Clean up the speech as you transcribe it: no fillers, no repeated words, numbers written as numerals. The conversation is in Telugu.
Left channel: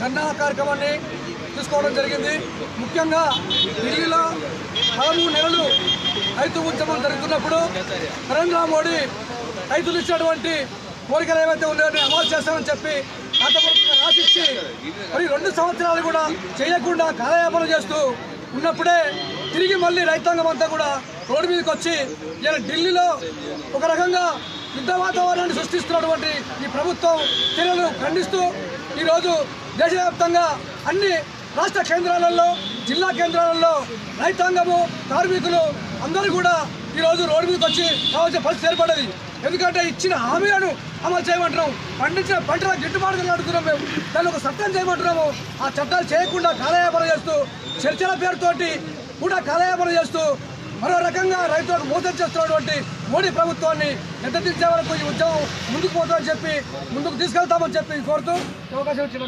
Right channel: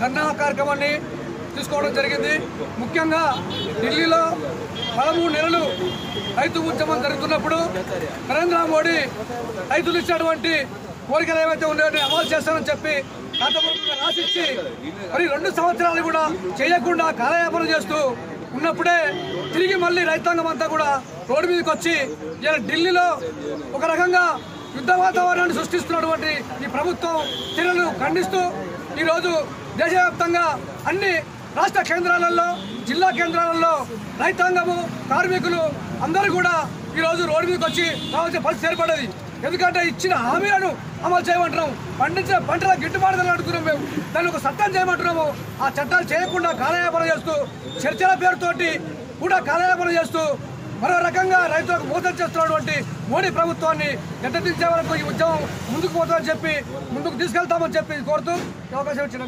ధర్నా కార్యక్రమాన్ని తీసుకోవడం జరిగింది. ముఖ్యంగా ఢిల్లీలో 13 నెలలు రైతు ఉద్యమం జరుగుతున్నప్పుడు నరేంద్ర మోడీ రైతులు ఇచ్చినటువంటి కోరికలు ఏవైతే ఉన్నాయో అమలు చేస్తామని చెప్పి రాసిచ్చి మరి 2 సంవత్సరాలు కూడా చేయకుండా కాలయాపన చేస్తూ ఉన్నప్పుడే తిరిగి మళ్ళీ రైతాంగం అంతా కూడా రోడ్డు మీదకి వచ్చి ఇలా ఢిల్లీలో ఒక రకంగా యుద్ధ వాతావరణాన్ని సృష్టిస్తున్నటువంటి ఈ ప్రభుత్వం చర్యలను ఖండిస్తూ ఈరోజు దేశవ్యాప్తంగా అన్ని రాష్ట్ర కేంద్రాలలో జిల్లా కేంద్రాలలో రైతాంగము కార్మికులు అందరూ కూడా ఈరోజు రోడ్డు మీదకి వచ్చి రావాల్సిన పరిస్థితి ఏర్పడేది. ఎందుకంటే ఇచ్చిన హామీలను అమలు చేయమంటున్నాం, పండించిన పంటల గిట్టుబాటు ధరలు అడుగుతున్నాం, మేము దాన్ని ఒక చట్టం చేయమంటున్నాము. ఆ చట్టాలు చేయకుండా కాలయాపన చేస్తూ చర్చల పేరుతోటి కూడా కాలయాపన చేస్తూ మరో రకంగా రైతులకు మోసం చేస్తున్నటువంటి మోడీ ప్రభుత్వాన్ని గద్దెదించే వరకు ఈ ఉద్యమం ముందుకు పోతామని చెప్పి ముందుకు తీసుకెళ్తామని చెప్పి కోరుతూ అవకాశం ఇచ్చిన